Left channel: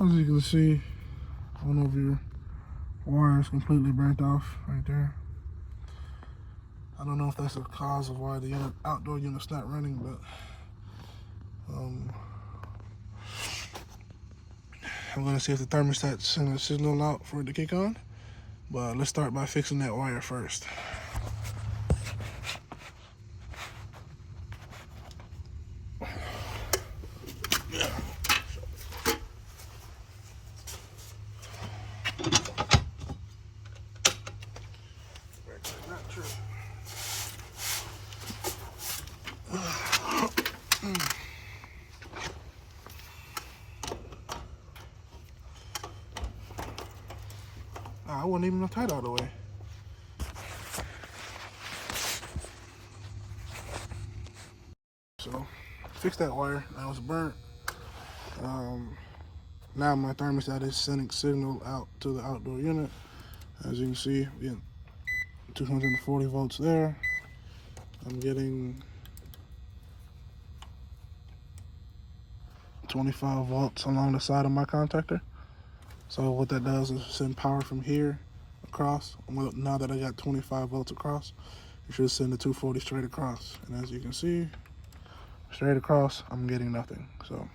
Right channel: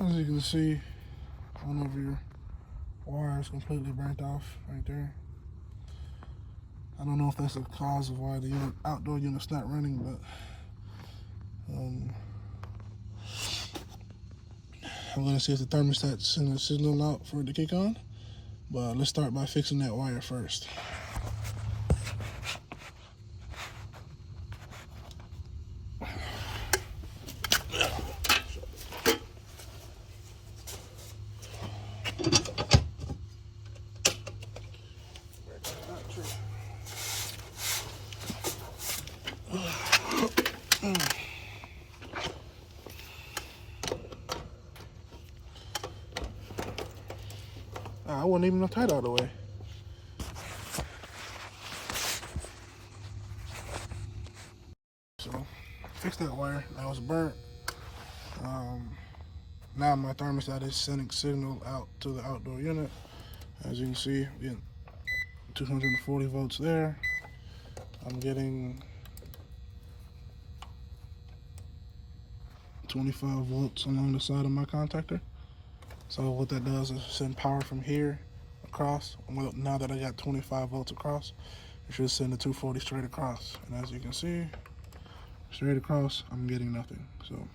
As you can see, one of your wires completely burnt off right there. I don't know if that's the cause of why the outdoor unit's not running, but I'm gonna see if the thermostat's sending a signal out for it to kick on. But let's start by fixing that wire first. I wasn't even tight all the way. So, fix that wire. That was burnt. Now my thermostat is sending signal out to the outdoor unit. As you can see, getting 240 volts there. I'm getting 25 volts along the side of my contactor. So what that does is send power from here across. Well, now that I got 25 volts across, it should send the 240 straight across. And as you can see, straight across, I'm getting nothing. So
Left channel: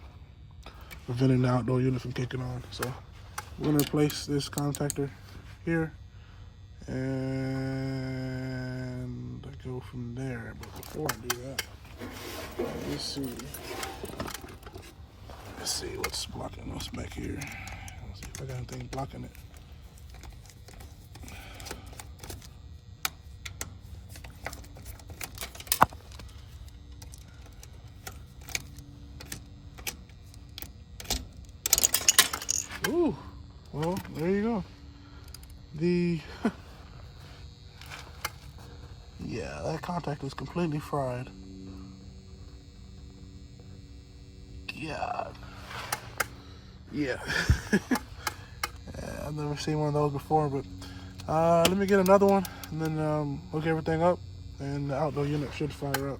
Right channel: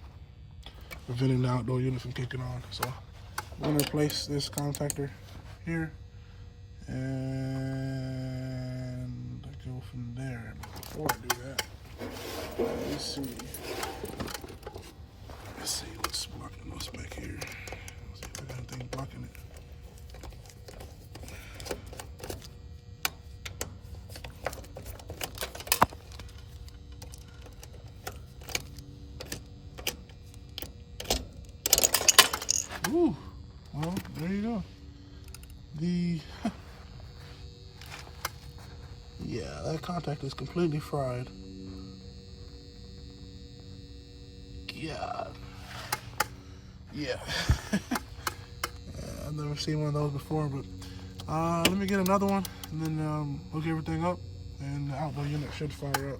preventing the outdoor unit from kicking on. So I'm gonna replace this contactor here and go from there. But before I do that, let's see what's blocking us back here. I got anything blocking it. Ooh, well, there you go. Yeah, that contact is completely fried. Yeah. I've never seen one of those before, but let me get another one and then hook everything up and the outdoor unit should fire up.